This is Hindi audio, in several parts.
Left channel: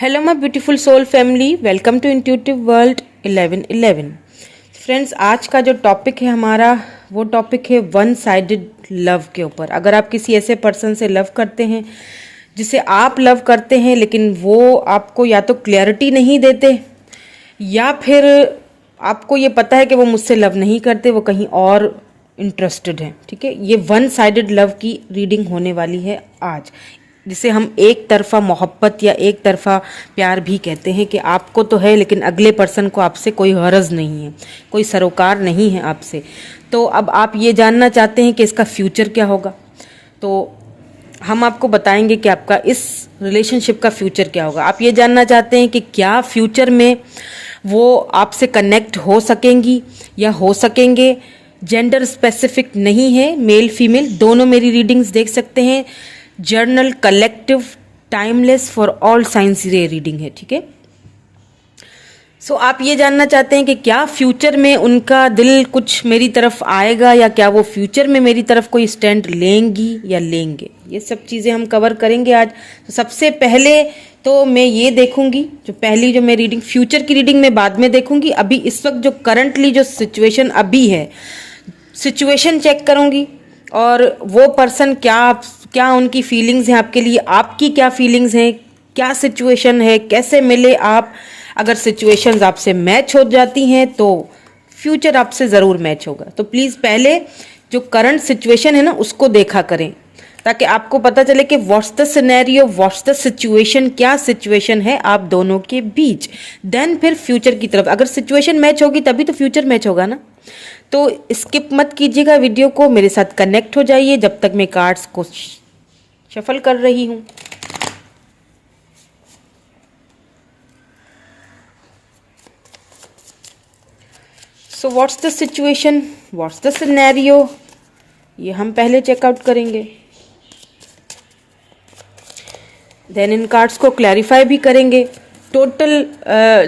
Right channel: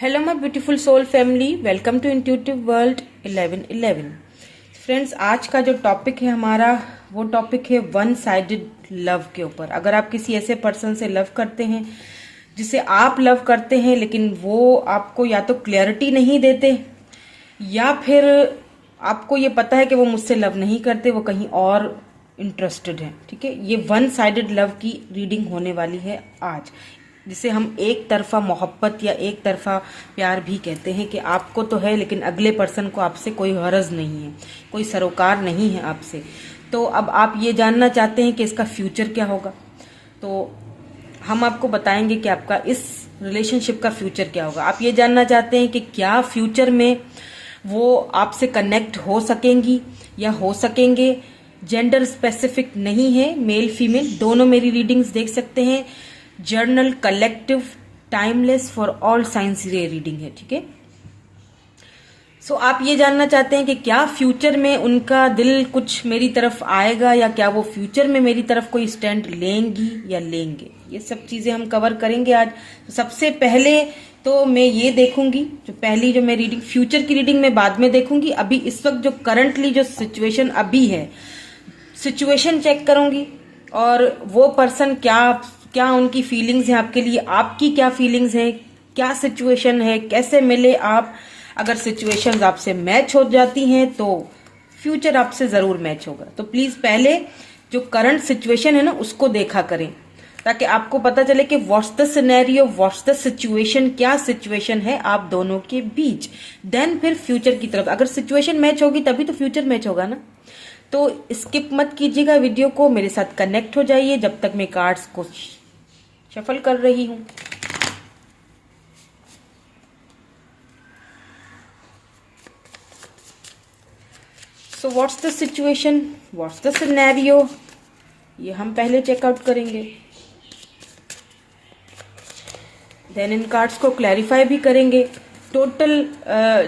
Hello my beautiful soul family, welcome to intuitive world 1111। Friends, आज का जो टॉपिक है हमारा वो टॉपिक है वन साइडेड लव के ऊपर। अगर आप किसी ऐसे पर्सन से लव करते हैं जिसे आप लव करते हैं लेकिन वो आपको या तो क्लैरिटी नहीं देते या फिर आपको ये पता है कि वो मुझसे लव नहीं करते, वो कहीं और इंटरेस्टेड है, ठीक है। ये वन साइडेड लव की रीडिंग होने वाली है आज, जिसे हम एक तरफा मोहब्बत या एक तरफा प्यार भी कहते हैं कि आपको तो है लेकिन अगले पर्सन को आपसे कोई गरज नहीं है, कोई सरोकार नहीं है आपसे। तो अब आप ये जानना चाहते हैं कि इसका फ्यूचर क्या होगा, तो हम आपको बताएंगे कि आपका इस रिलेशनशिप का फ्यूचर क्या होगा। आप ये जानना चाहते हैं कि क्या फ्यूचर में वो आपसे कनेक्ट हो सकेंगी या हो सकेंगे। जेंडर स्पेसिफिक नहीं है, मेल फीमेल दोनों मेरी रीडिंग्स देख सकते हैं। Journal collective timeless for all science ये रीडिंग है, ठीक है। सो आप ये जानना चाहते हैं कि क्या फ्यूचर में उनका दिल कुछ मेरी तरफ आएगा या क्या वो फ्यूचर में मेरी तरफ कोई स्टैंड लेंगी या लेंगे। ये सब चीज़ें हम कवर करेंगे आज। तो सबसे पहले तो मैं ये देखूंगी, जो मैं रीडिंग फ्यूचर की रीडिंग मैं बाद में देखूंगी। अभी इस वक्त जो करंटली जो सिचुएशन अभी है, सिचुएशन चेक करूंगी और वो पर्सन क्या उनकी फीलिंग्स हैं आपके लिए, आपकी क्या फीलिंग्स हैं, क्या सिचुएशन है, कैसे मिले आप। अगर सिचुएशंस आपसे मैच हो जाती हैं तो फ्यूचर आपसे ज़रूर मैच होगा। तो प्लीज़ पहले जो करंट सिचुएशन है ना उसको देखा करें, ताकि आपको पता चले कि what's the scenario, what's the situation, क्या सिचुएशन है आप दोनों के बीच। देन फिर फ्यूचर की तरफ, अगर सिचुएशन मैच होगी तभी तो फ्यूचर मैच होगा ना। तो स्किप मत कीजिएगा वीडियो को, मेरे साथ कनेक्ट हो जाइए जब तक मैं कार्ड्स को शफल कर रही हूं। So what's the situation, what's the scenario, ये हम पहले चेकआउट करेंगे। देन इन कार्ड्स को क्लैरिफाई भी करेंगे। टोटल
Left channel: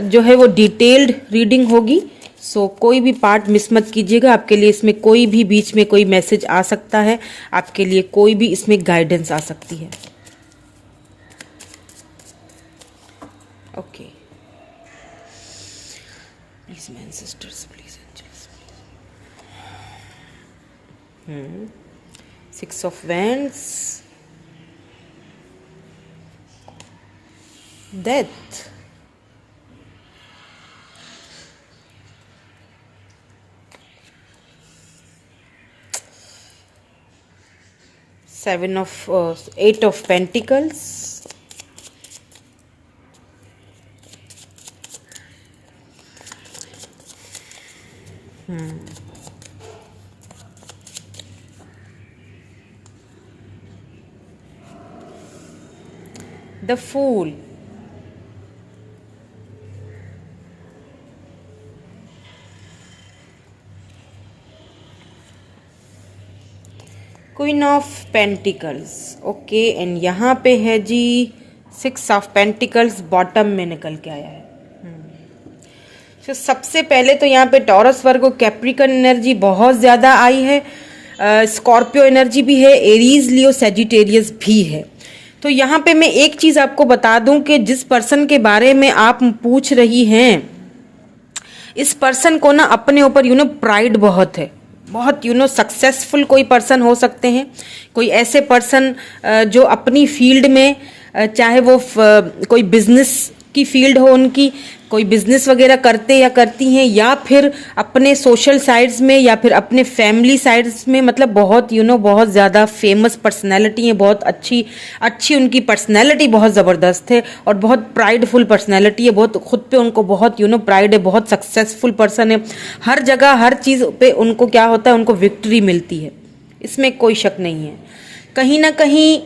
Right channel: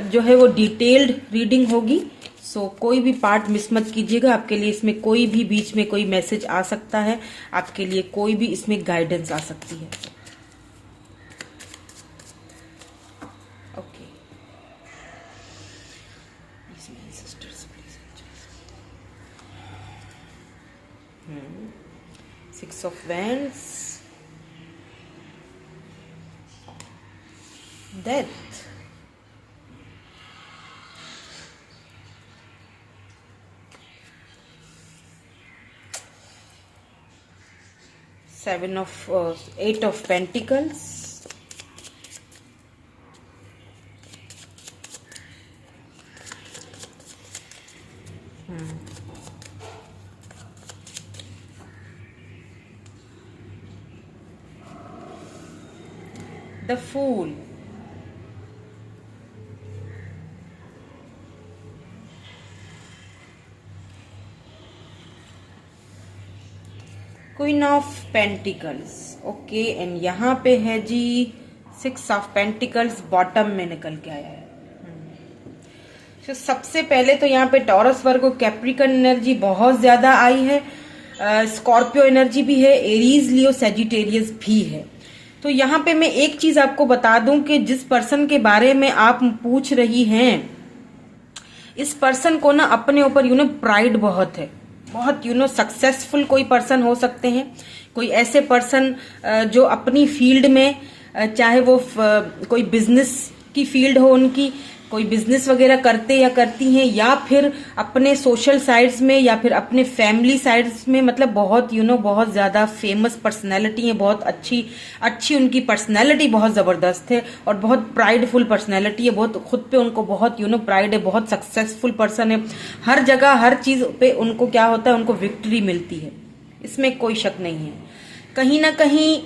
जो है वो डिटेल्ड रीडिंग होगी। सो कोई भी पार्ट मिस मत कीजिएगा। आपके लिए इसमें कोई भी बीच में कोई मैसेज आ सकता है, आपके लिए कोई भी इसमें गाइडेंस आ सकती है। Okay, please man sisters, please angels. 6 of wands, death, Eight of Pentacles, the Fool, queen of pentacles. Okay, and यहाँ पे है जी 6 ऑफ पेंटिकल्स बॉटम में निकल के आया है। तो सबसे पहले तो यहाँ पे टॉरस, वर्गो, कैप्रिकन एनर्जी बहुत ज़्यादा आई है। स्कॉर्पियो एनर्जी भी है, एरीज, लियो, सेजिटेरियस भी है। तो यहाँ पे मैं एक चीज़ आपको बता दूं कि जिस पर्सन के बारे में आप पूछ रही हैं, इस पर्सन को ना अपने ऊपर प्राइड बहुत है, बहुत सक्सेसफुल कोई पर्सन हो सकते हैं। कोई ऐसे पर्सन जो अपनी फील्ड में, चाहे वो कोई बिजनेस की फील्ड हो उनकी, कोई बिजनेस वगैरह करते या करती हैं, या फिर अपने सोशल साइड्स में या फिर अपने फैमिली साइड्स में, मतलब बहुत बहुत ज़्यादा फेमस पर्सनैलिटी है, बहुत अच्छी उनकी पर्सनैलिटी बहुत ज़बरदस्त है और बहुत प्राइडफुल पर्सनैलिटी है, बहुत खुद पे उनको बहुत प्राइड है, बहुत सक्सेसफुल पर्सन है। हर जगह हर चीज़ पे उनको क्या होता है, उनको विक्ट्री मिलती है, इसमें कोई शक नहीं है। कहीं ना कहीं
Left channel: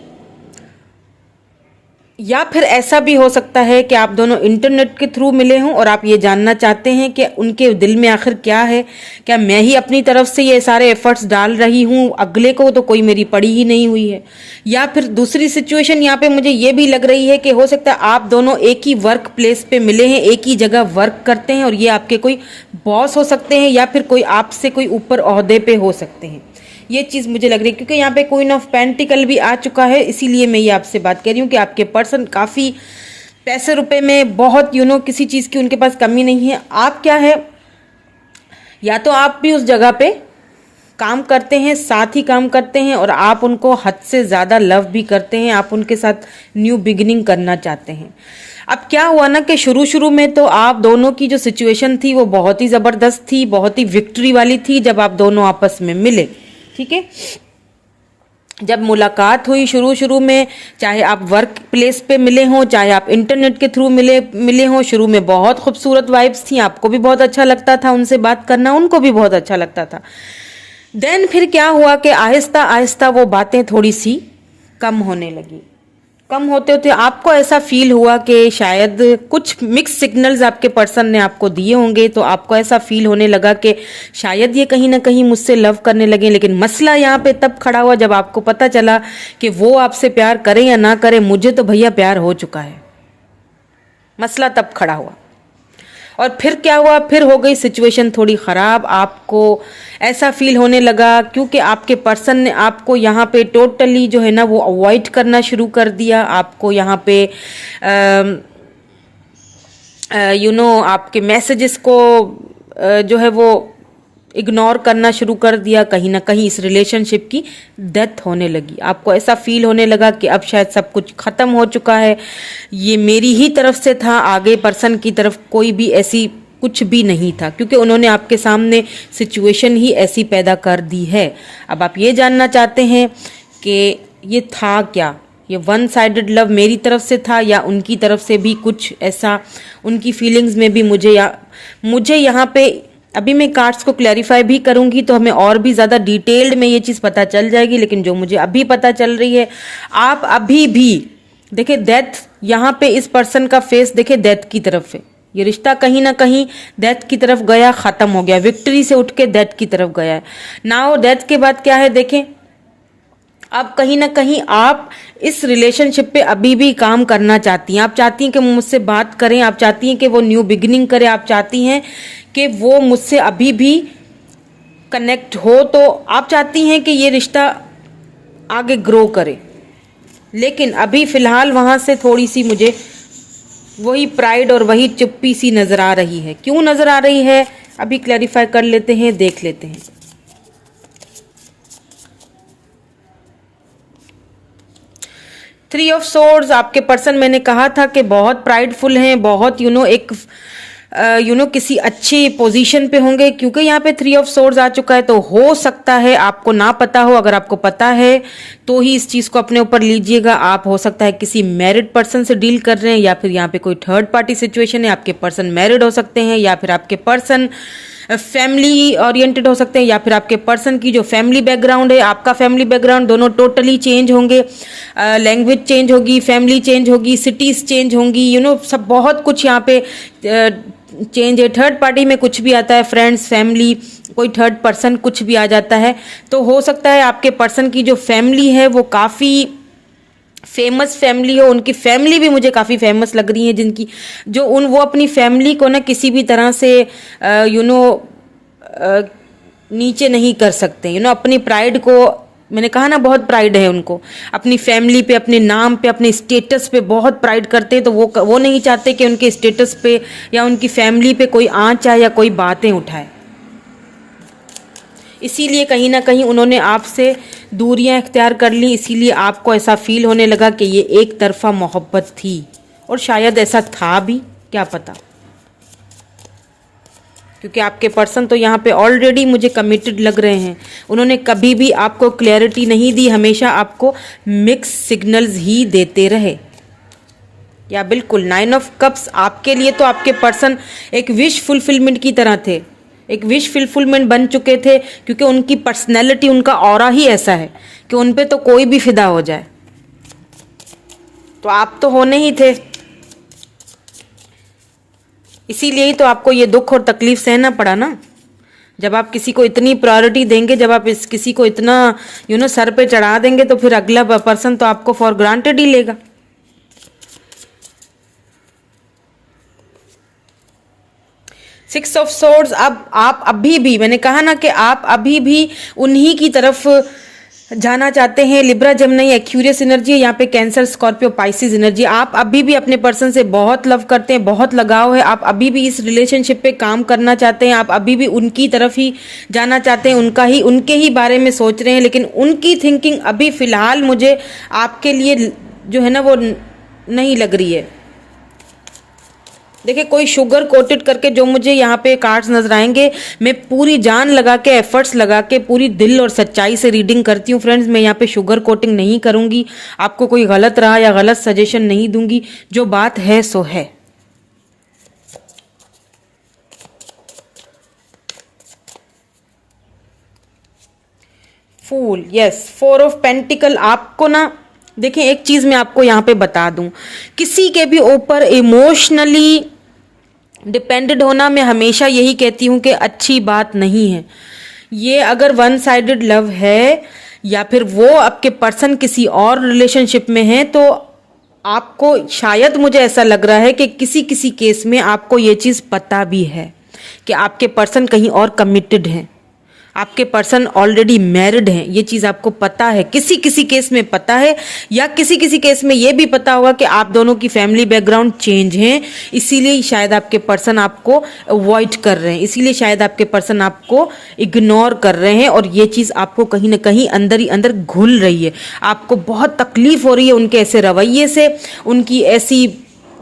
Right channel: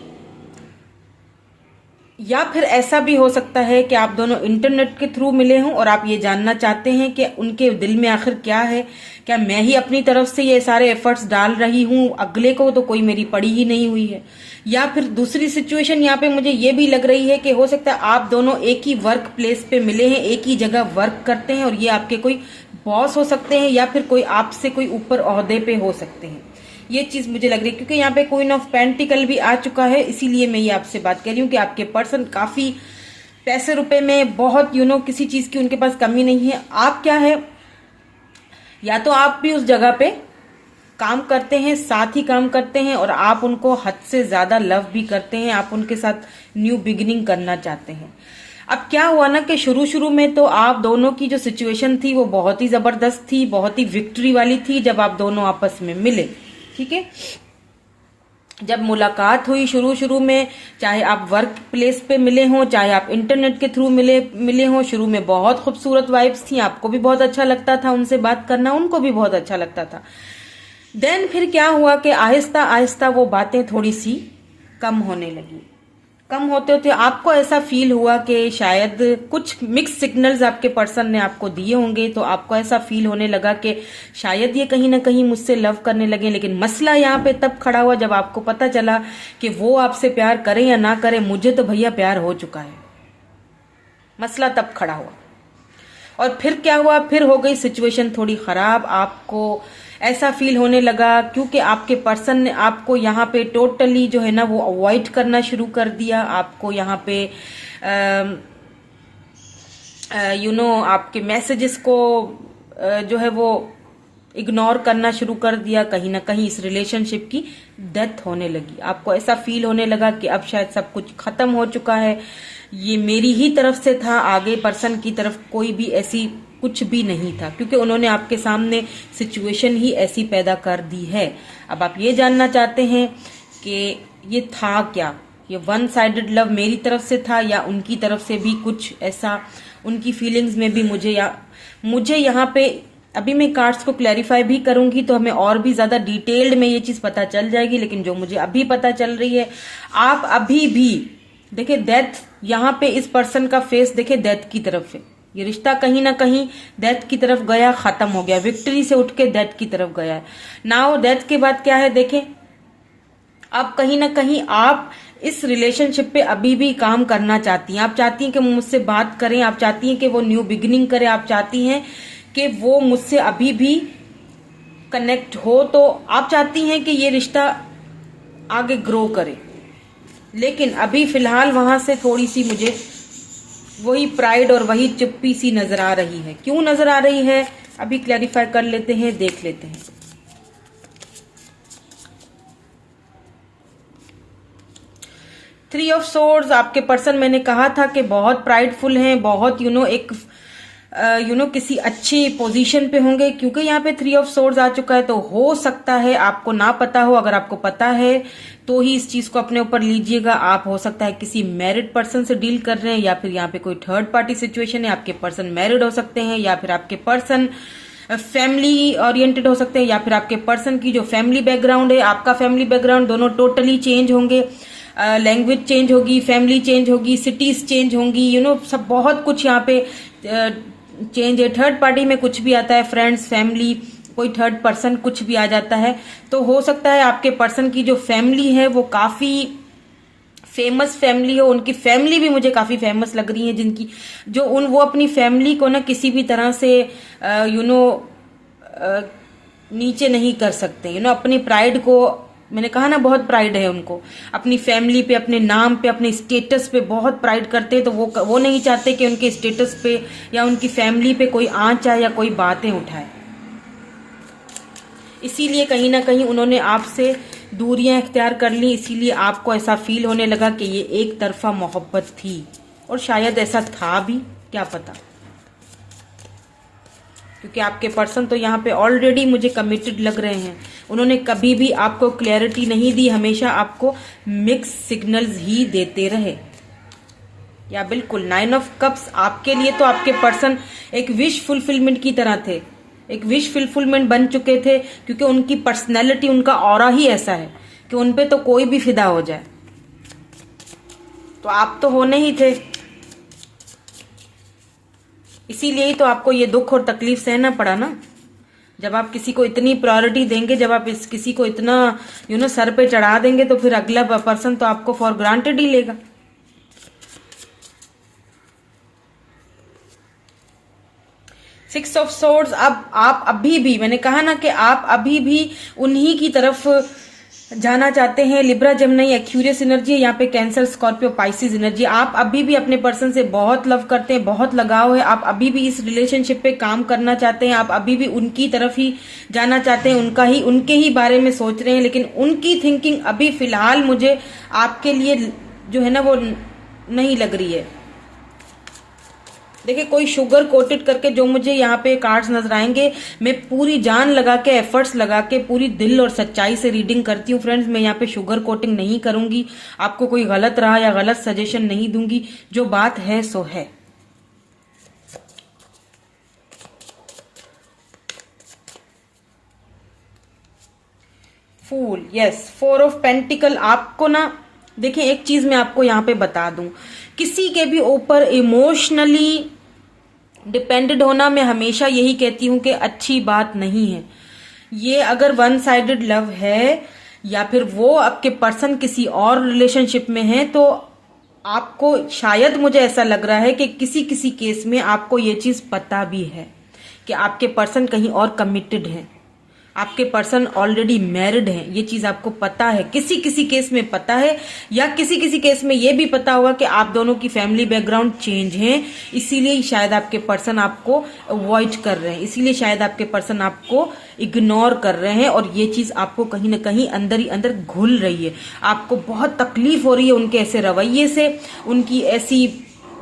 या फिर ऐसा भी हो सकता है कि आप दोनों इंटरनेट के थ्रू मिले हों और आप ये जानना चाहते हैं कि उनके दिल में आखिर क्या है, क्या मैं ही अपनी तरफ से ये सारे एफर्ट्स डाल रही हूँ, अगले को तो कोई मेरी पड़ी ही नहीं हुई है। या फिर दूसरी सिचुएशन यहाँ पे मुझे ये भी लग रही है कि हो सकता है आप दोनों एक ही वर्क प्लेस पे मिले हैं, एक ही जगह वर्क करते हैं और ये आपके कोई बॉस हो सकते हैं या फिर कोई आपसे कोई ऊपर ओहदे पे हो सकते हैं। ये चीज़ मुझे लग रही है क्योंकि यहाँ पे क्वीन ऑफ पेंटिकल भी आ चुका है, इसीलिए मैं ये आपसे बात कर रही हूँ कि आपके पर्सन काफ़ी पैसे रुपए में बहुत किसी चीज़ की उनके पास कमी नहीं है। आप क्या है, या तो आप भी उस जगह पे काम करते हैं, साथ ही काम करते हैं, और आप उनको हद से ज़्यादा लव भी करते हैं, आप उनके साथ न्यू बिगिनिंग करना चाहते हैं। अब क्या हुआ ना कि शुरू शुरू में तो आप दोनों की जो सिचुएशन थी वो बहुत ही ज़बरदस्त थी, बहुत ही विक्ट्री वाली थी जब आप दोनों आपस में मिले। ठीक है, जब मुलाकात हुई शुरू शुरू में, चाहे आप वर्क प्लेस पे मिले हों, चाहे आप इंटरनेट के थ्रू मिले हों, शुरू में बहुत खूबसूरत वाइब्स थी, आपको भी बहुत अच्छा लगता था उनसे बात करना, उनको भी बहुत अच्छा लगता था। देन फिर क्या हुआ कि आहिस्ता आहिस्ता वो बातें थोड़ी सी कम होने लगी। कम होते होते आपको ऐसा फील हुआ कि शायद कुछ मिक्स सिग्नल्स आपके पर्सन ने आपको दिए होंगे, तो आपको ऐसा फील होने लगा कि शायद ये कहीं ना कहीं मुझसे लव करने लगे। लेकिन मसला यहाँ पे तब खड़ा हुआ जब आपको पता चला कि वो आपसे प्यार करें या ना करें, मुझे तो भैया प्यार हो चुका है। मसला तब खड़ा हुआ। और फिर क्या हुआ, फिर हो गई सिचुएशन थोड़ी ख़राब। आपको ऐसा फील होने लगा क्योंकि आपके पर्सन ने आपको यहाँ पे टोटली जो है ना वो अवॉइड करना शुरू कर दिया। आपको यहाँ पे आपके मैसेजेस को जो है वो इग्नोर करना शुरू कर दिया। कहीं ना कहीं इस रिलेशनशिप की डेथ होने लगी। आपको ऐसा फील होने लगा कि अब शायद सब कुछ ख़त्म हो चुका है, ये मेरी ही तरफ से था, आगे पर्सन की तरफ कोई भी ऐसी कुछ भी नहीं था, क्योंकि उन्होंने आपके सामने सिचुएशन ही ऐसी पैदा कर दी है। अब आप ये जानना चाहते हैं कि ये था क्या, ये वन साइडेड लव मेरी तरफ से था या उनकी तरफ से भी कुछ ऐसा, उनकी फीलिंग्स में भी मुझे यहाँ पे अभी मैं कार्ड्स को क्लैरिफाई भी करूंगी तो हमें और भी ज़्यादा डिटेल्ड में ये चीज़ पता चल जाएगी। लेकिन जो मुझे अभी पता चल रही है, आप अभी भी देखिए डेथ, यहाँ पे इस पर्सन का फेस देखिए डेथ की तरफ है। ये रिश्ता कहीं ना कहीं डेथ की तरफ गया, ख़त्म हो गया, विक्ट्री से उठ के डेथ की तरफ गया है। नाउ डेथ के बाद क्या है, देखें अब कहीं ना कहीं आप इस रिलेशनशिप पे अभी भी काम करना चाहती हैं। आप चाहती हैं कि मुझसे बात करें, आप चाहती हैं कि वो न्यू बिगिनिंग करे, आप चाहती हैं कि वो मुझसे अभी भी कनेक्ट हो, तो आप चाहती हैं कि ये रिश्ता आगे ग्रो करे। लेकिन अभी फिलहाल वहां से थोड़ी सी मुझे वही प्राइड और वही चुप्पी सी नजर आ रही है। क्यों नजर आ रही है अभी क्लैरिफाई कर लेते हैं, देख लेते हैं। 3 ऑफ सोर्ड्स, आपके पर्सन मैंने कहा था कि बहुत प्राइडफुल हैं, बहुत एक किसी अच्छी पोजीशन पे होंगे, क्योंकि यहाँ पे 3 ऑफ सोर्ड्स आ चुका है। तो हो सकता है आपको ना पता हो, अगर आपको पता है तो ही इस चीज को अपने ऊपर लीजिएगा। आप हो सकता है किसी मैरिड पर्सन से डील कर रहे हैं, या फिर यहाँ पे कोई थर्ड पार्टी सिचुएशन है। आपके पर्सन मैरिड हो सकते हैं, या फिर आपके पर्सन फैमिली ओरिएंटेड हो सकते हैं, या फिर आपके पर्सन की जो फैमिली बैकग्राउंड है, आपका फैमिली बैकग्राउंड, दोनों टोटली चेंज होंगे। लैंग्वेज चेंज होगी, फैमिली चेंज होगी, सिटीज चेंज होंगी, सब बहुत कुछ यहाँ पे चेंज है। थर्ड पार्टी में कुछ भी आता है, फ्रेंड्स, फैमिली, कोई थर्ड पर्सन, कुछ भी आ जाता है। तो हो सकता है आपके पर्सन की जो फैमिली है वो काफ़ी फेमस फैमिली हो। उनकी फैमिली भी मुझे काफ़ी फेमस लग रही है, जिनकी वो अपनी फैमिली को ना किसी भी तरह से नीचे नहीं कर सकते। अपनी प्राइड को, मैंने कहा ना बहुत प्राइड है उनको, अपनी फैमिली पे, अपने नाम पे, अपने स्टेटस पे बहुत प्राइड करते हैं। तो वो नहीं चाहते कि उनके स्टेटस पे या उनकी फैमिली पे कोई आँच आए या कोई बातें उठाए। इसीलिए कहीं ना कहीं उन्होंने आपसे दूरियां इख्तियार कर ली। इसीलिए आपको ऐसा फील होने लगा कि ये एक तरफा मोहब्बत थी, और शायद ऐसा था भी, क्या पता, क्योंकि आपके पर्सन तो यहाँ पे ऑलरेडी मुझे कमिटेड लग रहे हैं। उन्होंने कभी भी आपको क्लैरिटी नहीं दी, हमेशा आपको मिक्स सिग्नल्स ही देते रहे। या बिल्कुल 9 ऑफ कप्स आपके लिए तो आपके पर्सन एक विश फुलफिलमेंट की तरह थे, एक विश फुलफिलमेंट बन चुके थे, क्योंकि उनकी पर्सनैलिटी, उनका ऑरा ही ऐसा है कि उन पे तो कोई भी फिदा हो जाए। तो आप तो होने ही थे, इसीलिए ही तो आपको ये दुख और तकलीफ सहना पड़ा ना। जब आप किसी को इतनी प्रायोरिटी देंगे, जब आप किसी को इतना सर पे चढ़ा देंगे, तो फिर अगला पर्सन तो आपको फॉर ग्रांटेड ही लेगा। सिक्स ऑफ सोर्ड्स, अब आप अभी भी, मैंने कहा ना कि आप अभी भी उन्हीं की तरफ जाना चाहते हैं। लिब्रा जेमिनी एक्यूरियस एनर्जी है यहाँ पे, कैंसर स्कॉर्पियो पाइसिस एनर्जी। आप अभी भी अपने पर्सन से बहुत लव करते हैं, बहुत लगाव है, आप अभी भी इस रिलेशनशिप पे काम करना चाहते हैं, आप अभी भी उनकी तरफ ही जाना चाहते हैं, उनके ही बारे में सोच रहे हैं, लेकिन उनकी थिंकिंग अभी फिलहाल मुझे आपके लिए जो है ना वो नहीं लग रही है। देखिए कोई शुगर कोटेड करके जो मुझे यहाँ पे कार्ड्स नजर आएंगे, मैं पूरी जान लगा के एफर्ट्स लगा के पूरी दिल और सच्चाई से रीडिंग करती हूँ फ्रेंड्स। मैं यहाँ पे शुगर कोटिंग नहीं करूंगी, आपको कोई गलत राह या गलत सजेशन नहीं दूंगी, जो बात है सो है। फूल, यस, 4 ऑफ पेंटिकल। आपको ना देखिए एक चीज मैं आपको यहाँ पे बता दूं, किसी के भी ऊपर इमोशनली डिपेंडेड होना, मैं हमेशा यही कहती हूं कि अच्छी बात नहीं है। ये अगर वन साइडेड लव है या फिर वो आपके पर्सन किसी और रिलेशनशिप में है, तो आपको शायद, मुझे ऐसा लग रहा है कि किसी किसी केस में आपको ये चीज पता भी है कि आपके पर्सन कहीं और कमिटेड हैं, आपके पर्सन ऑलरेडी मैरिड हैं, ये चीज आपको पता है, किसी किसी केस में पता है, या किसी किसी केस में ये भी पता होगा कि आप दोनों की फैमिली बैकग्राउंड चेंज है, इसीलिए शायद आपके पर्सन आपको अवॉइड कर रहे हैं, इसीलिए शायद आपके पर्सन आपको इग्नोर कर रहे हैं, और ये चीज आपको कहीं ना कहीं अंदर ही अंदर घुल रही है। आपको बहुत तकलीफ हो रही है उनके ऐसे रवैये से, उनकी ऐसी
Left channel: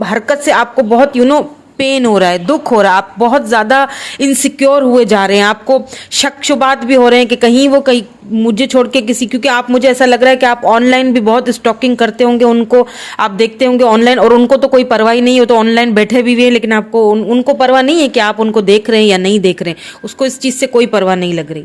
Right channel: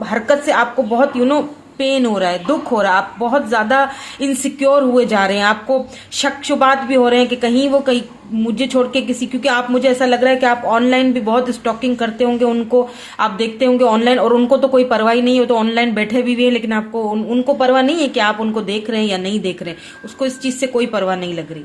हरकत से आपको बहुत पेन हो रहा है, दुख हो रहा है, आप बहुत ज्यादा इनसिक्योर हुए जा रहे हैं, आपको शक शुबात भी हो रहे हैं कि कहीं वो कहीं मुझे छोड़ के किसी, क्योंकि आप, मुझे ऐसा लग रहा है कि आप ऑनलाइन भी बहुत स्टॉकिंग करते होंगे, उनको आप देखते होंगे ऑनलाइन, और उनको तो कोई परवाह ही नहीं हो, तो ऑनलाइन बैठे भी हुए हैं, लेकिन आपको उनको परवाह नहीं है कि आप उनको देख रहे हैं या नहीं देख रहे हैं, उसको इस चीज से कोई परवाह नहीं लग रही।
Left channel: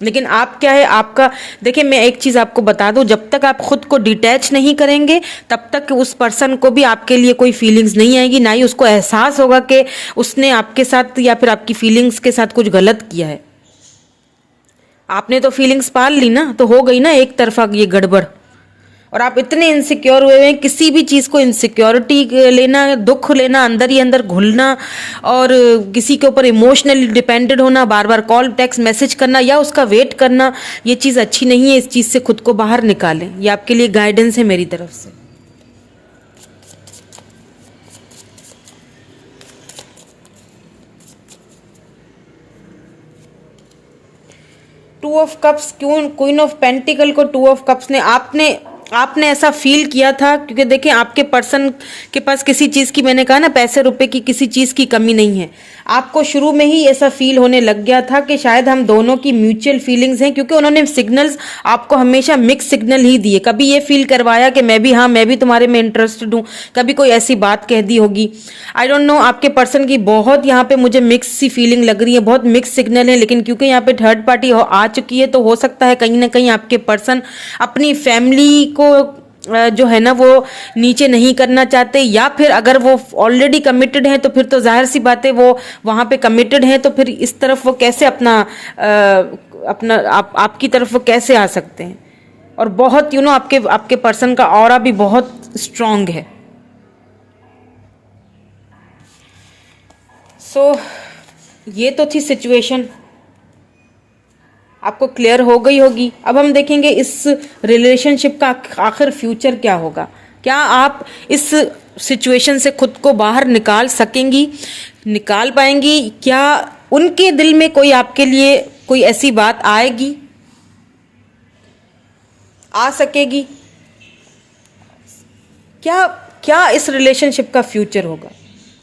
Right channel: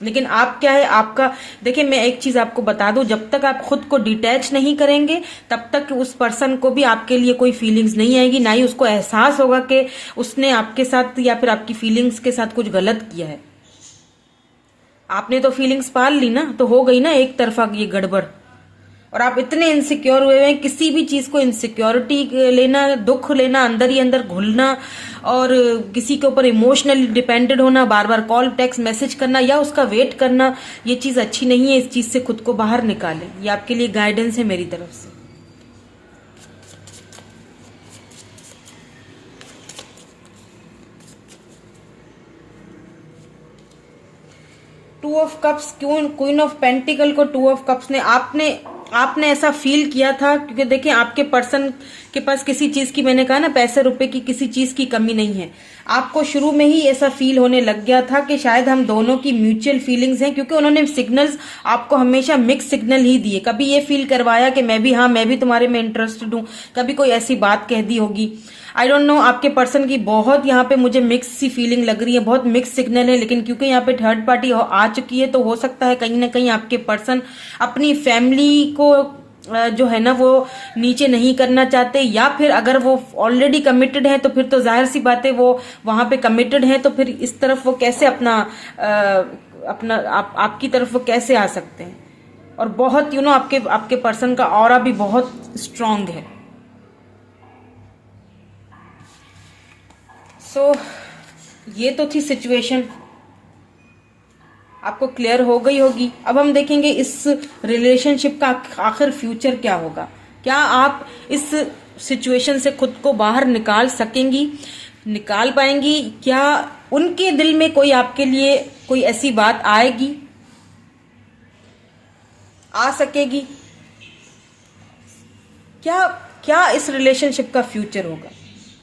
लेकिन आप क्या है, आपका, देखिए मैं एक चीज आपको बता दूं, जब तक आप खुद को डिटैच नहीं करेंगे तब तक उस पर्सन को भी आपके लिए कोई फीलिंग्स नहीं आएगी, ना ही उसको एहसास होगा कि उसने आपके साथ या फिर आपकी फीलिंग्स के साथ कुछ गलत किया है। आपने तो फीलिंग्स पाल ली ना, तो हो गई ना एक तरफा ये गड़बड़, और आप इतने इनसिक्योर हुए हैं, किसी भी चीज को इनसिक्योरिटी लेना, दुख लेना, अंदर ही अंदर घुलना, और किसी के ऊपर इमोशनली डिपेंडेड होना, बार बार कॉल टेक्स्ट मैसेज करना या उसका वेट करना, ये चीज अच्छी नहीं है। इस चीज से खुद को बाहर निकालें, ये आपके लिए गाइडेंस है मेरी तरफ से। Two of cups, queen of pentacle को टू ऑफ कप्स ने, आपने ऐसा फील किया था, क्योंकि देखिए आपके पर्सन के पास किसी चीज की, मैंने कहा ना पैसे रुपए की किसी चीज की कमी नहीं है, आपको शुरू में ही ऐसा फील होने लग गया था कि शायद हम दोनों की म्यूचुअल फीलिंग्स हैं, क्योंकि उन्होंने सिग्नल्स आपको हमेशा मिक्स सिग्नल ही दिए। कभी ये फील करवाया कि मैं भी तुम्हारे में इंटरेस्टेड हूँ, कभी कोई ऐसी बात कह दी होगी, आई डोंट नो। आपके पर्सन की बहुत यहाँ पे मुझे मिक्स सी फीलिंग लग रही है, बहुत मिक्स सिग्नल है, लेकिन क्योंकि यहाँ पे थर्ड पार्टी आ चुकी है, तो हो सकता है कहीं ना कहीं आपके पर्सन अपनी फैमिली को जो है ना वो नीचे नहीं करना चाहते, या फिर अगर वो ऑलरेडी कमिटेड हैं तो फिर तो जाहिर सी बात है वो वहां पे कमिटेड हैं, तो फिर इस तरफ वो कैसे आपकी तरफ वो कैसे आ सकते हैं। और बहुत आपके पर्सन का ऑरा भी बहुत स्ट्रांग है। सो ये तो थी सिचुएशन, आपको क्लियर हो गई होगी। अब हम देखेंगे इस रिलेशनशिप का आखिर फ्यूचर क्या होगा। क्या आप इस सिचुएशन से खुद को बाहर निकाल सकेंगी, निकाल पाएंगी? क्या उनके दिल में कोई आपके लिए कोई ऐसी बात आएगी, आ सकेगी? क्या इस रिलेशनशिप का फ्यूचर होगा?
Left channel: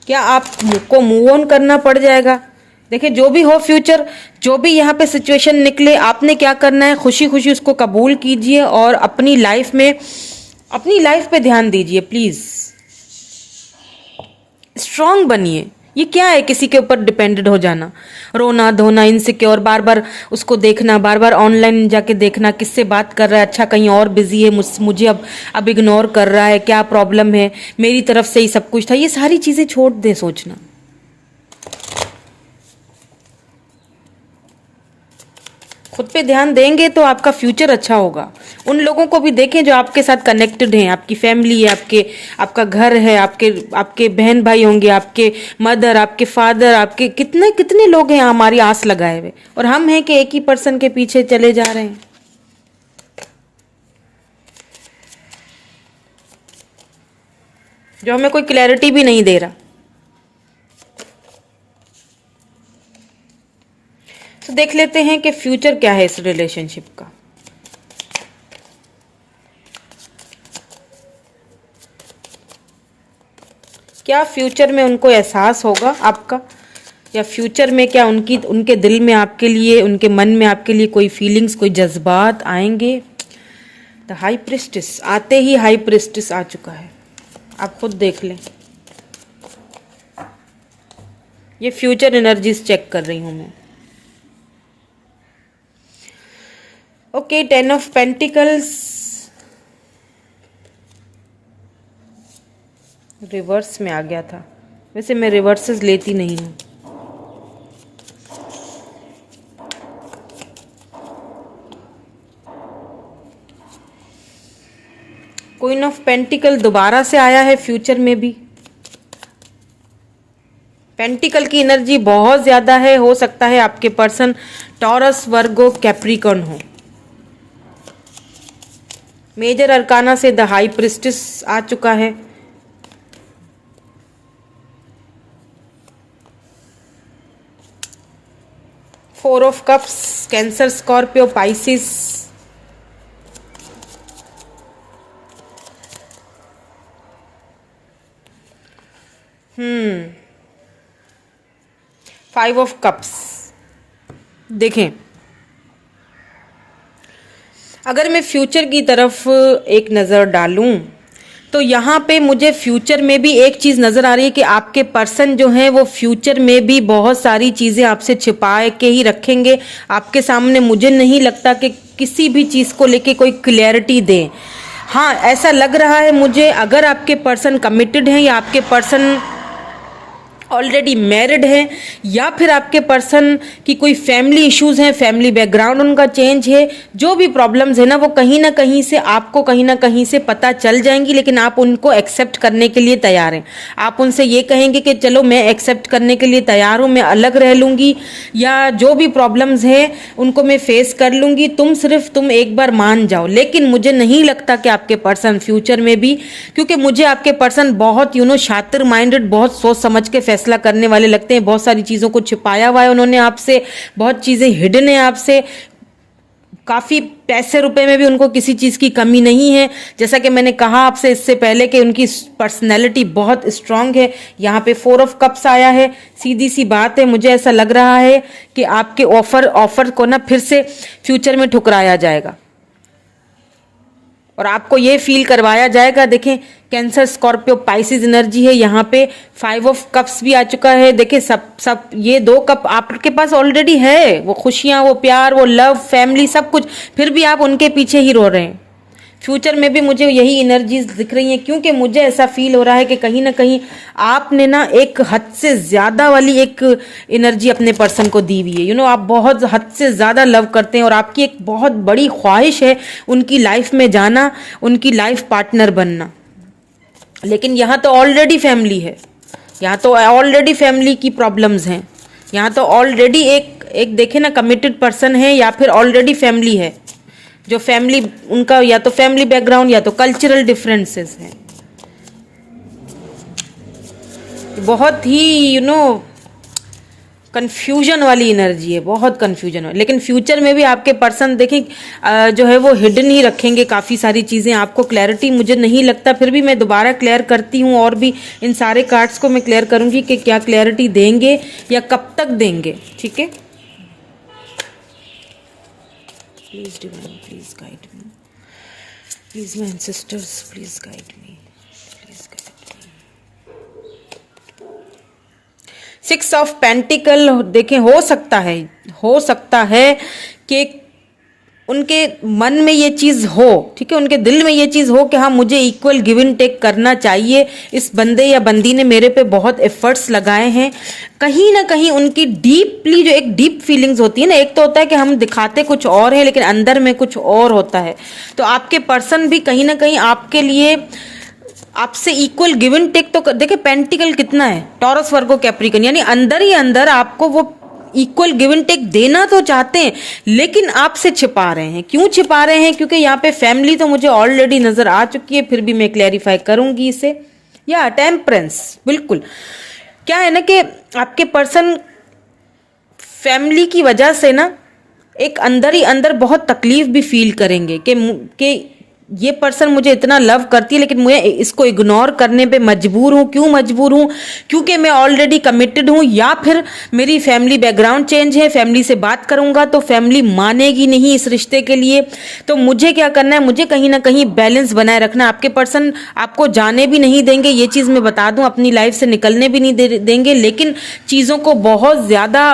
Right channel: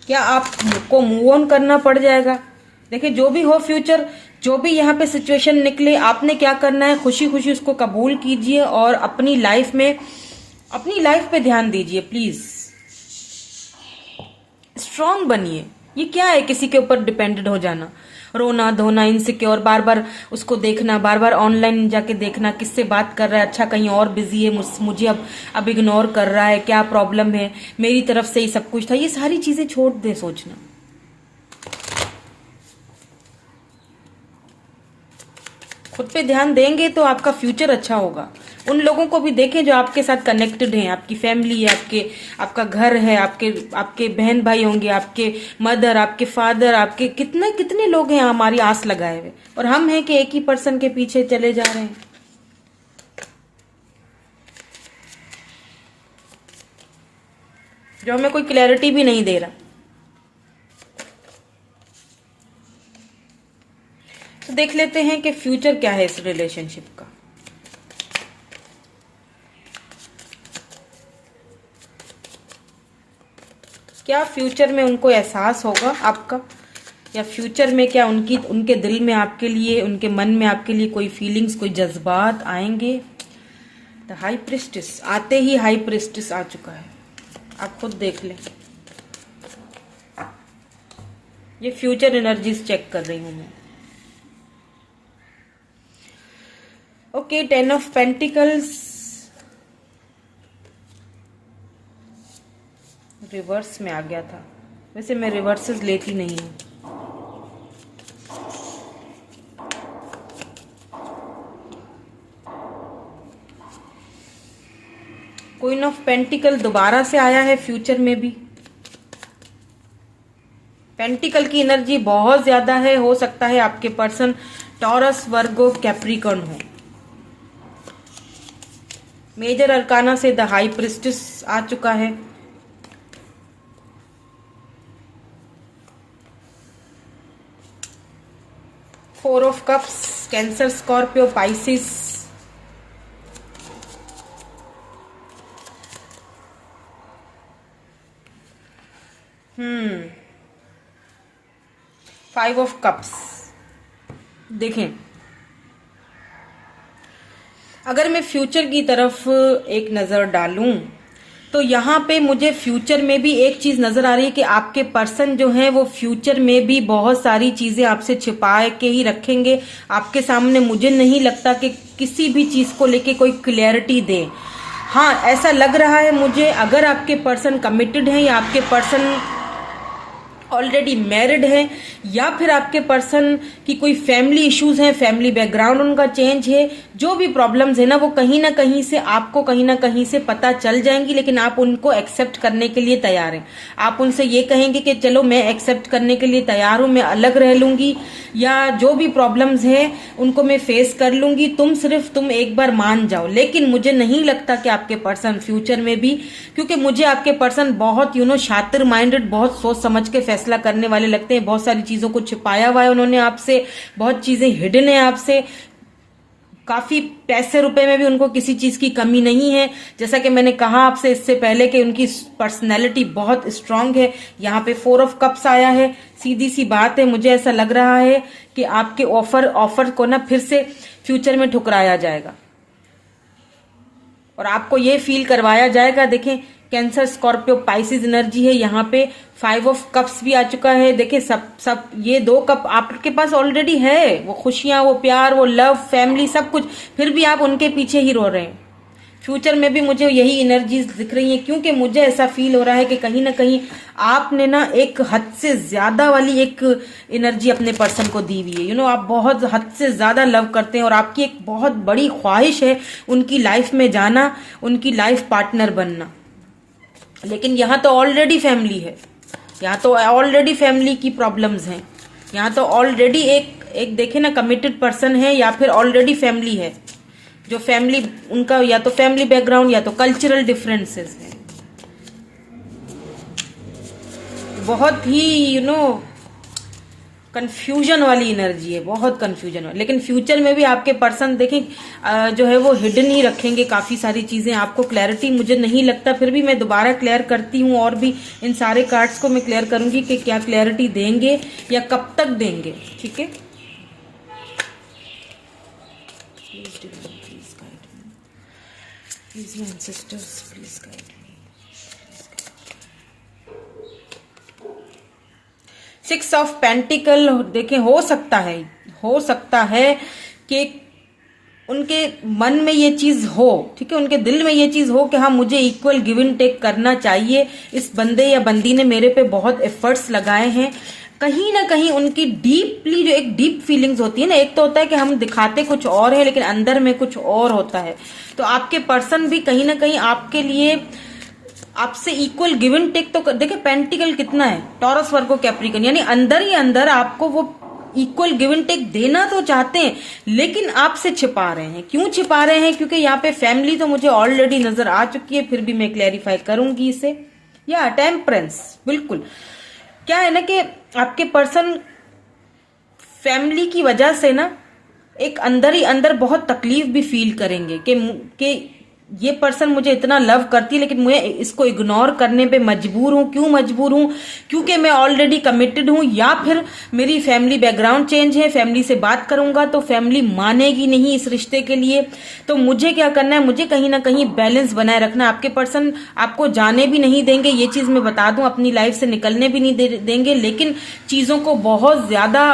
क्या आपको मूव ऑन करना पड़ जाएगा? देखिए जो भी हो फ्यूचर, जो भी यहाँ पे सिचुएशन निकले, आपने क्या करना है, खुशी खुशी उसको कबूल कीजिए और अपनी लाइफ पे ध्यान दीजिए प्लीज। स्ट्रांग बनिए। ये क्या है किसी के ऊपर डिपेंडेड हो जाना, रोना धोना, इनसिक्योर, बार बार उसको देखना, बार बार ऑनलाइन जाके देखना किससे बात कर रहा है, अच्छा कहीं और बिजी है, मुझे अब इग्नोर कर रहा है, क्या प्रॉब्लम है, मेरी तरफ से ही सब कुछ था। ये सारी चीजें छोड़ दे सोचना। खुद पे ध्यान देंगे तो आपका फ्यूचर अच्छा होगा। उन लोगों को भी देखें जो आपके साथ कनेक्टेड हैं, आपकी फैमिली है, आपका घर है, आपके बहन भाई होंगे, आपके मदर, आपके फादर, आपके कितने कितने लोग हैं हमारी आस लगाए हुए, और हम हैं कि एक ही पर्सन के पीछे चले जा रहे हैं। जो हमें कोई क्लैरिटी भी नहीं दे रहा। तो देख लेते हैं कि फ्यूचर क्या है इस रिलेशनशिप का। क्या फ्यूचर में उनको एहसास होगा आपका, या फ्यूचर में क्या उनके दिल में आपके लिए, उनके मन में आपके लिए कोई फीलिंग्स, कोई जज्बात आएंगे। द हाई प्रिस्टेस, आते ही हाई प्रिस्टेस आ चुका है, आप खुद देख लें। ये फ्यूचर एनर्जीज चेक कर रही हूं मैं। ओके, 10 ऑफ पेंटिकल्स रिवर्स में आ गया था। वैसे मैं रिवर्सेस लेती नहीं हूँ। क्वीन ऑफ पेंटिकल दोबारा से आया है फ्यूचर में भी। पेंटिकल की एनर्जी बहुत ज्यादा है। हो सकता है आपके पर्सन टॉरस, वर्गो, कैप्रिकॉर्न हो। मेजर अरकाना से द हाई प्रिस्टेस आ चुका है। Four of cups, cancer, Scorpio, Pisces. Five of cups. देखें, अगर मैं फ्यूचर की तरफ एक नज़र डालूं तो यहाँ पे मुझे फ्यूचर में भी एक चीज़ नज़र आ रही है कि आपके पर्सन जो हैं वो फ्यूचर में भी बहुत सारी चीज़ें आपसे छिपा के ही रखेंगे आपके सामने। मुझे नहीं लगता कि किसी भी चीज़ को लेके कोई क्लैरिटी दें। हाँ, ऐसा लग रहा है मुझे, अगर आपके पर्सन कमिटेड हैं या आपके पर्सन ऑलरेडी मैरिड है, या फिर आपके पर्सन की कोई फैमिली इश्यूज हैं, फैमिली बैकग्राउंड उनका चेंज है, जो भी प्रॉब्लम्स है ना वो कहीं ना कहीं से आपको कहीं ना कहीं से पता चल जाएंगी, लेकिन आप उनको एक्सेप्ट करने के लिए तैयार हैं। आप उनसे ये कहेंगे कि चलो मैं एक्सेप्ट करने के लिए तैयार हूँ, मैं अलग रह लूँगी, या जो भी प्रॉब्लम्स हैं उनको मैं फेस कर लूँगी, तुम एक बार मान जाओ। लेकिन मुझे नहीं लगता कि आपके पर्सन फ्यूचर में भी, क्योंकि मुझे आपके पर्सन बहुत शातिर माइंडेड, बहुत सोच समझ के फैसला करने वाले लगते हैं। बहुत सारी चीजों को छिपाया हुआ है उन्होंने आपसे, बहुत चीजें हिडन है आपसे। काफी पैसे रुपए में भी उनको किसी चीज की कमी नहीं है। जैसा कि मैंने कहा आपसे इससे पहले कि उनकी पर्सनैलिटी बहुत स्ट्रांग है। यहाँ पे फोर ऑफ कप्स आया है। सीधी सी बात है, मुझे ऐसा लग रहा है कि आपके ऑफर को ना फिर से फ्यूचर में ठुकराया जाएगा और आपको ये फील करवाया जाएगा। देखें, कैंसर, स्कॉर्पियो, पाइसिस एनर्जी है यहाँ पे। फाइव ऑफ कप्स भी आ चुका है। देखें, सब ये दो कप आपके पास ऑलरेडी है, वो खुशियां, वो प्यार, वो लव, फैमिली, सब कुछ, फिर भी आप उनके पीछे ही रो रहे हैं। फ्यूचर में भी मुझे यही एनर्जीज दिख रही हैं, क्योंकि मुझे ऐसा फील हो रहा है कि कहीं ना कहीं आपने ना एक हद से ज्यादा वाली एक एनर्जी अपने पर्सन को दी हुई है। आप बहुत हद से ज्यादा लव करते हैं और आपकी एक बहुत बड़ी ख्वाहिश है उनकी लाइफ में जाना, उनकी लाइफ पार्टनर बनना। लेकिन यहाँ तो ऑलरेडी फैमिली है, यहाँ तो ऑलरेडी फैमिली की प्रॉब्लम्स हैं, यहाँ तो ऑलरेडी एक देखे ना कमिटेड पर्सन है या फिर ऑलरेडी फैमिली है। जो फैमिली उनका या तो फैमिली बैकग्राउंड या तो कल्चरल डिफरेंसेस हैं। बहुत ही कंफ्यूजन वाली एनर्जी है, बहुत कंफ्यूजन वाली। लेकिन फ्यूचर में भी आपके पर्सन देखें जो है वो हिडन ही रखेंगे काफ़ी सारी चीज़ें। आपको क्लैरिटी मुझे नहीं लगता, फिर भी मैं दोबारा क्लियर करती हूँ और भी इन सारे कार्ड्स को मैं क्लियर करूँगी कि क्या क्लैरिटी देंगे या कब तक देंगे। ठीक है, please divine, please guide me, please my ancestors, please guide me, please guide me. Six of pentacle देखें, हो सकता है कि उनके मन में ये चीज़ हो, ठीक है, उनके दिल में ये चीज़ हो कि हाँ मुझे इक्वल गिव एंड टेक करना चाहिए। इस बंदे या बंदी ने मेरे पे बहुत एफर्ट्स लगाए हैं। कहीं ना कहीं उनकी डीपली जो एक डीप फीलिंग्स होती है ना, एक तो होता है कि हम दिखाते कुछ और है लेकिन अंदर में कुछ और होता है। तो आपके पर्सन भी कहीं ना कहीं आपके लिए आपसे इक्वल गिव एंड टेक तो देखिए, पेंटिकल कितना है, टॉरस, वर्गो, कैप्रिकॉर्न, यानी अंदर ही अंदर आपको वो इक्वल गिव एंड टेक देना तो चाहते हैं, लेकिन आपसे छिपा रहे हैं। क्यों छिपा रहे हैं? क्योंकि यहाँ पे फैमिली तो मुझे ऑलरेडी नजर आ चुकी है, फिर भी मैं क्लैरिफाई करूंगी इसे। या टेम्परेंस, बिल्कुल। क्या है ना कि आपके पर्सन फैमिली की वजह से ना एक अंदर ही अंदर बहुत तकलीफ भी फील करेंगे कि ये पर्सन मुझे इतना लव करती है लेकिन मैं इसको इग्नोर करने पे मजबूर हूँ। क्यों मजबूर हूँ? क्योंकि मैं ऑलरेडी कमिटेड हूँ, या फिर मेरी फैमिली बैकग्राउंड चेंज है, फैमिली से बात करूंगा तो फैमिली मानेगी नहीं इस रिश्ते के लिए। तो मुझे क्या करना है, मुझे कहीं ना कहीं बैलेंस बनाए रखना है। आपके पर्सन आपको जाने भी नहीं देंगे, ये चीज़ मैं बता दूं, अपनी लाइफ से निकलने भी नहीं देंगे, लेकिन चीज़ों को बहुत ज़्यादा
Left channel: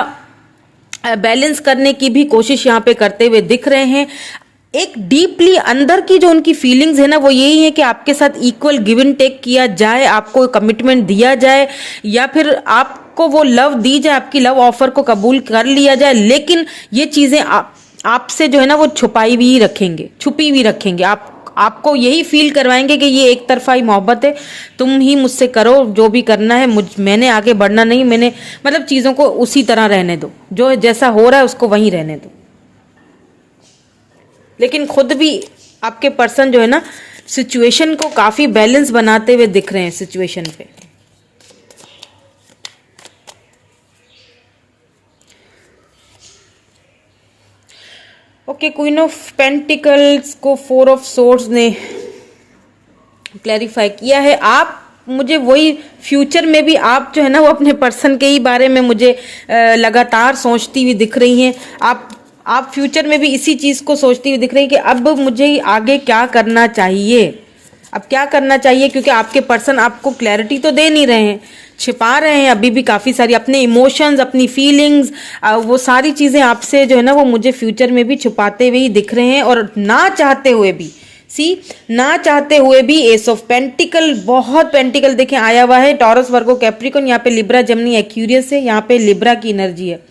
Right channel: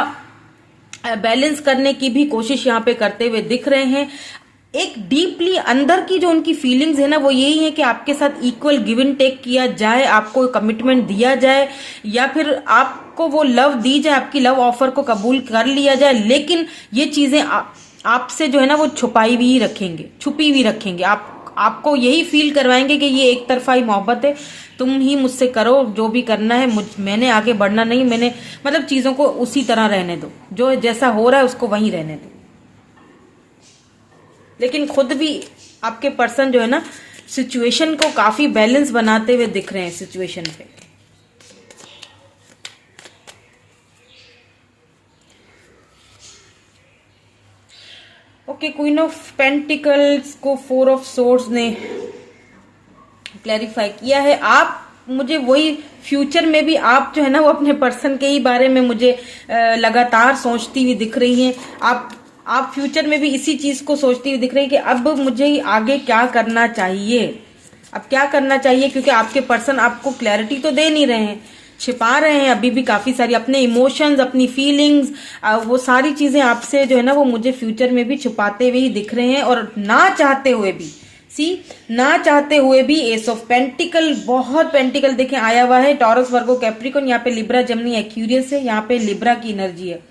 बैलेंस करने की भी कोशिश यहाँ पे करते हुए दिख रहे हैं। एक डीपली अंदर की जो उनकी फीलिंग्स है ना, वो यही है कि आपके साथ इक्वल गिव एंड टेक किया जाए, आपको कमिटमेंट दिया जाए, या फिर आपको वो लव दी जाए, आपकी लव ऑफर को कबूल कर लिया जाए। लेकिन ये चीजें आपसे जो है ना वो छुपाई भी रखेंगे, छुपी भी रखेंगे। आपको यही फील करवाएंगे कि ये एक तरफा ही मोहब्बत है, तुम ही मुझसे करो जो भी करना है, मैंने आगे बढ़ना नहीं, मैंने मतलब चीज़ों को उसी तरह रहने दो, जो जैसा हो रहा है उसको वहीं रहने दो। लेकिन खुद भी आपके पर्सन जो है ना सिचुएशन को काफ़ी बैलेंस बनाते हुए दिख रहे हैं सिचुएशन पे। ओके, क्वीन ऑफ पेंटिकल्स को 4 ऑफ सोर्ड्स ने क्लैरिफाई किया है। आप मुझे वही फ्यूचर में भी आप जो है ना वो अपने पर्सन के ही बारे में मुझे लगातार सोचती हुई दिख रही हैं। आप फ्यूचर में भी इसी चीज़ को सोचती हुई दिख रही हैं कि अब मुझे आगे क्या करना चाहिए, अब क्या करना चाहिए, क्योंकि आपके पर्सन आपको क्लैरिटी तो दे नहीं रहे हैं, छिपा रहे हैं अभी भी काफ़ी सारी अपने इमोशंस, अपनी फीलिंग्स, वो सारी चीज़ें आपसे जो है ना वो मुझे फ्यूचर में भी छुपाते हुए ही दिख रहे हैं। और ना चाहते हुए भी, ना चाहते हुए भी एस ऑफ पेंटिकल, बहुत पेंटिकल देखें आया हुआ है, टॉरस, वर्गो, कैप्रिकॉर्न, यहाँ पे लिब्रा, जेमिनी, एक्वेरियस है, यहाँ पे लिब्रा की एनर्जी है।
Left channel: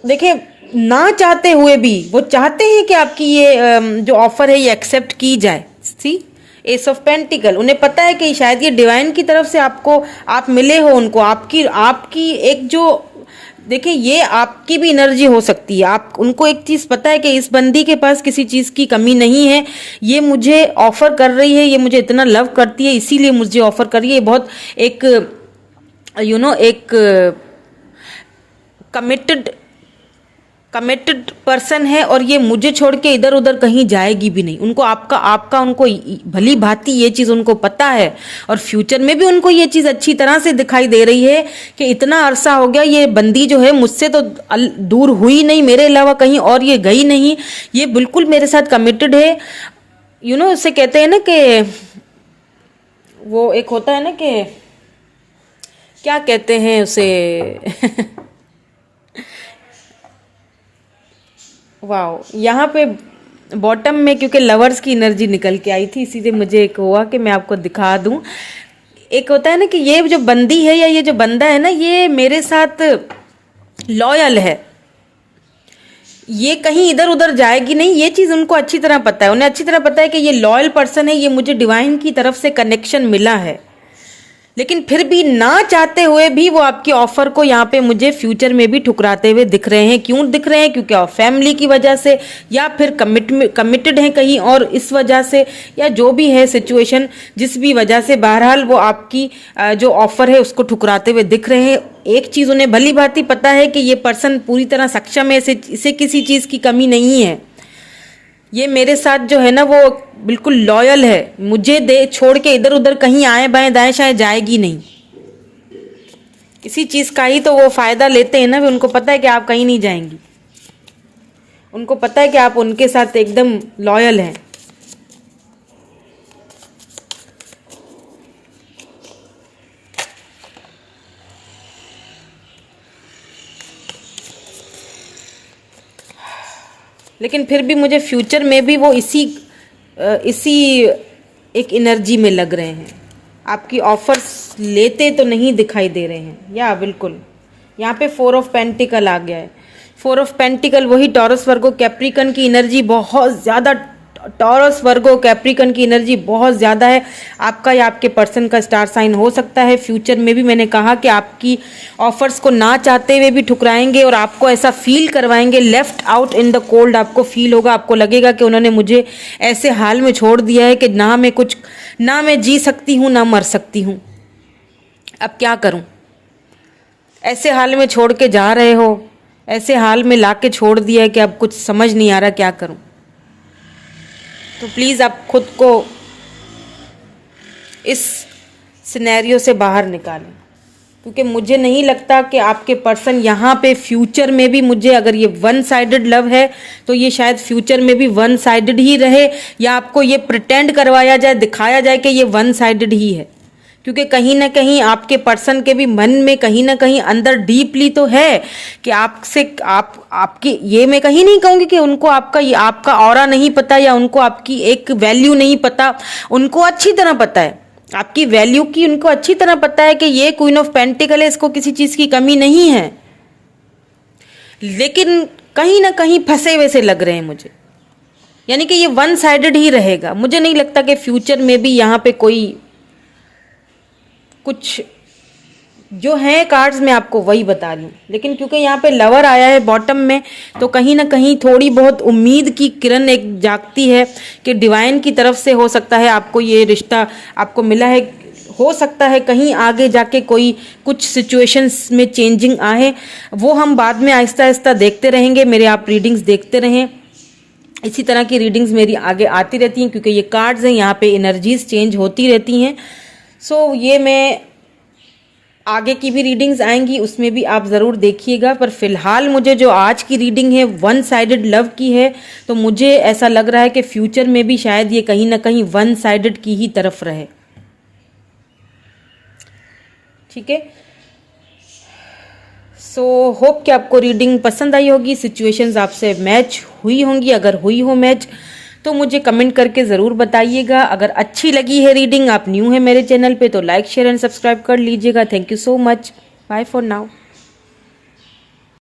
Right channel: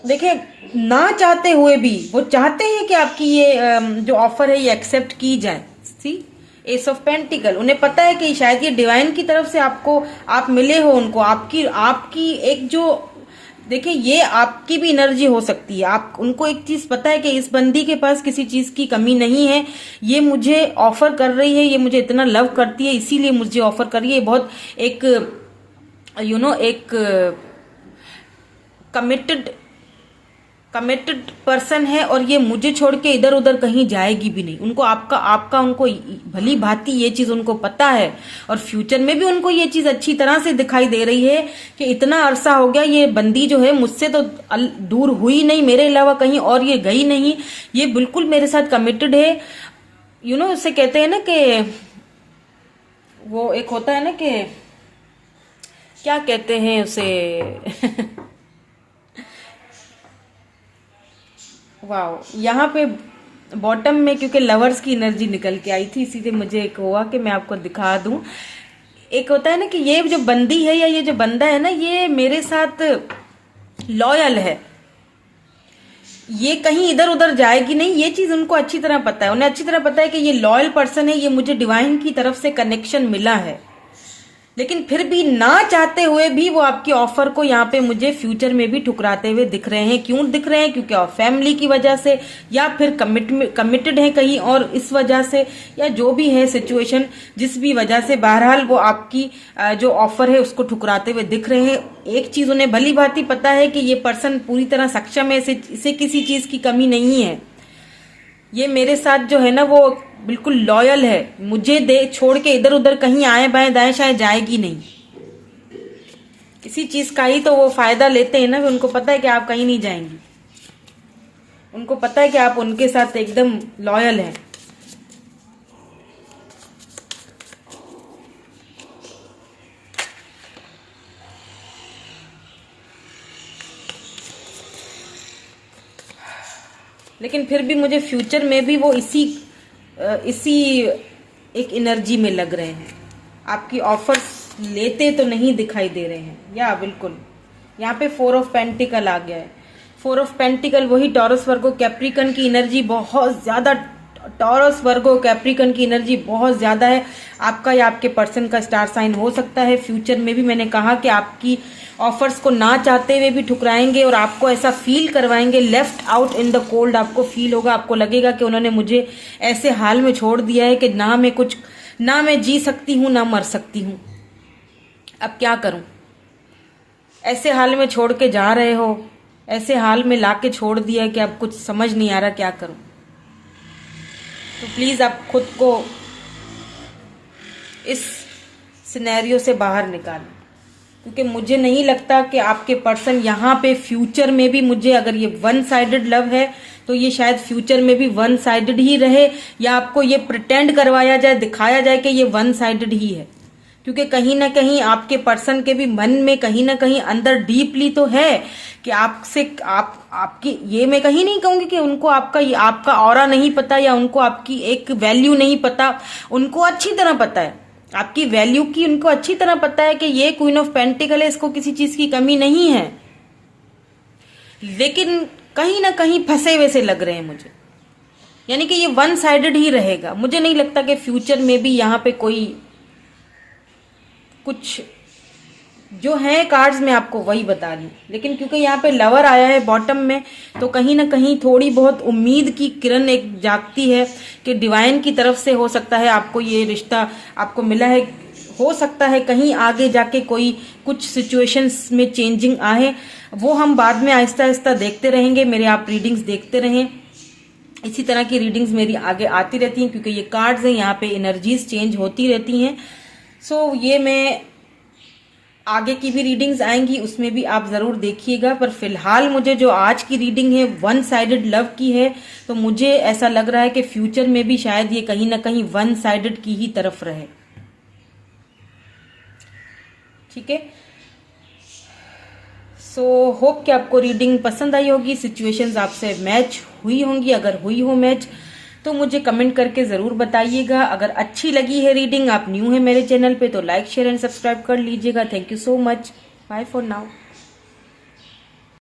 देखिए, ना चाहते हुए भी वो चाहते हैं कि आपकी ये जो ऑफर है ये एक्सेप्ट की जाए। सी एस ऑफ पेंटिकल, उन्हें पता है कि शायद ये डिवाइन की तरफ से आपको, आप मिले हो उनको, आपकी एक जो, देखिए ये आपकी भी एनर्जी हो सकती है। आप उनको एक चीज पता है कि इस बंदी के पास किसी चीज की कमी नहीं है, ये मुझे ऑफर कर रही है, ये मुझे इतना लव करती है इसीलिए मुझे ऑफर कर रही है। बहुत एक एक कमिटेड पर्सन है और ये मुझे छोड़ के इधर उधर कहीं जाएगी भी नहीं। उनको आपका उनको भली भांति ये चीज़ उनको पता है, और फ्यूचर में भी उनको ये चीज़ अच्छी तरह से दिखाई दे रही है कि इतना अरसा हो गया ये बंदी जो है मुझसे तो दूर हुई नहीं, मेरे अलावा कहीं और ये गई नहीं, ये बिल्कुल मेरे साथ कमिटेड है। उससे कहते हैं ना कि वो एक होता है ना कि क्या कहते हैं उसे वाह, यहाँ पे बॉटम में क्योंकि लवर्स की एनर्जी निकल के आई थी, इसीलिए मुझे एक हुआ कि मैं आपको दिखा दूं। एक होता है ना कि ये जो बंदी है या ये जो बंदा है ना, ये मेरे साथ लॉयल है, ये कहीं इधर उधर जाएगी नहीं, ये चीज़ उनको अच्छी तरह पता है। उन्हें अच्छी तरह पता है कि ये लॉयल पर्सन है, ये मुझे डिवाइन की तरफ से कनेक्शन मिला है। लेकिन फिर भी ना चाहते हुए भी वो आपकी ऑफर को यहाँ पे मुझे फ्यूचर में भी ठुकराते हुए दिख रहे हैं। क्यों दिख रहे हैं? क्योंकि फैमिली की वजह से, या फिर कमिटेड है कहीं और इस वजह से, या जो भी है सिचुएशन, जिस भी वजह से बहरहाल वो आपकी जो ऑफर है उसको ठुकराते हुए दिख रहे हैं। एक चीज उन्हें भली भांति पता है कि ये पर्सन पूरी तरह सक्षम है, इसे किसी चीज की कमी नहीं है, ये मेरे साथ जो है ना वो बिल्कुल लॉयल है, मुझे दे छोड़ के इधर उधर कहीं आए बाएं दाएं शायद जाएगी नहीं। इसी चीज का ही तो वो फायदा लेते हैं ना, उनको पता है कि आप कहीं नहीं जाएंगी, उनको पता है कि आप उनके साथ एकदम लॉयल हैं। लेकिन फिर भी मुझे फ्यूचर में भी वो इसी एक एनर्जी में लग रहे हैं, आपकी ऑफर्स लेते तो नहीं दिखाई दे रहे हैं। या बिल्कुल यहाँ पे 4 ऑफ पेंटिकल आ गया है। 4 ऑफ पेंटिकल वही टॉरस, वर्गो, कैप्रिकन की एनर्जी बहुत ज़्यादा, टॉरस, वर्गो, कैप्रिकन की एनर्जी बहुत ज़्यादा है। आपका या आपके पर्सन का स्टार साइन हो सकता है फ्यूचर में भी। मैंने कहा कि आपकी ऑफर्स को ना चाहते हुए भी ठुकराएंगे और आपको ऐसा फील करवाएंगे, left out in the cold आपको फील होगा, आपको लगेगा कि उन्होंने मुझे ऐसे हाल में छोड़ दिया है कि ना मैं कुछ ना मैं जी सकती हूँ ना मर सकती हूँ, अब क्या करूँ। ऐसे हाल में छोड़ के जा रहे हो, ऐसे हाल में ला के छोड़ दिया है कि अब कुछ समझ नहीं आ रहा क्या करूँ। तो प्लीज़ आप खुद को इस सिनेरियो से बाहर निकालें, क्योंकि मुझे नहीं लगता कि आपके पर्सन यहाँ पे फ्यूचर में भी, मुझे अगर ये वन साइडेड लव है तो ये शायद फ्यूचर में भी वन साइडेड ही रहे, या आपको ये प्रिटेंड करवाया जाए, दिखाया जाए कि ये वन साइडेड ही है। क्योंकि कहीं ना कहीं आपके पर्सन के भी मन में कहीं ना कहीं अंदर डीपली तो है कि आपसे आपकी, ये मैं कहीं नहीं कहूँगी कि उनको आपका ऑरा नहीं पता या उनको आपकी एक वैल्यू नहीं पता, उनको अच्छी तरह पता है आपकी वैल्यू की, उनको अच्छी तरह पता है कि ये क्वीन ऑफ पेंटिकल है, इसको किसी चीज की कमी नहीं है, लेकिन कहीं ना कहीं फंसे वैसे लग रहे हैं मुझे। यानी कि ये वन साइडेड ही रहेगा। मुझे नहीं लगता कि फ्यूचर में भी यहाँ पे कोई कुछ जो है कार्ड्स में आपको वही बता रही हूँ, लेकिन क्योंकि यहाँ पे लवर आया है बॉटम में, तो कहीं ना कहीं थोड़ी बहुत उम्मीद की किरण एक जागती है कि डिवाइन की तरफ से हो सकता है आपको ये रिश्ता आपको मिला है, हो सकता है कहीं आगे जाके कोई कुछ सिचुएशंस में चेंजिंग आए, वो हम बाद में आहिस्ता आहिस्ता देखते रहेंगे। मेरे आप रीडिंग्स देखते रहें, इसी तरह की रीडिंग्स मेरी आगे आती रहती हैं, क्योंकि ये कार्ड्स हैं, यहाँ पे एनर्जीज चेंज होती रहती हैं। सो ये मैं आगे की भी रीडिंग्स आएंगी, उसमें भी आप ज़रूर देखिएगा। पर फिलहाल मुझे जो आज की रीडिंग है वन साइडेड लव की है, तो मुझे ऐसा लग रहा है कि फ्यूचर में भी शायद ये कहीं ना कहीं वन साइडेड की ही तरफ रहे। ठीक है, सो होप कि आपको रीडिंग पसंद आई होगी, सिचुएशंस आपसे मैच हुई होंगी। अगर हुई हो मैच तो मुझे कमेंट करके ज़रूर बताइएगा। अगर अच्छी लगी है रीडिंग, आप न्यू है मेरे चैनल पे, तो लाइक शेयर एंड सब्सक्राइब कर लीजिएगा। Thank you so much, bye for now.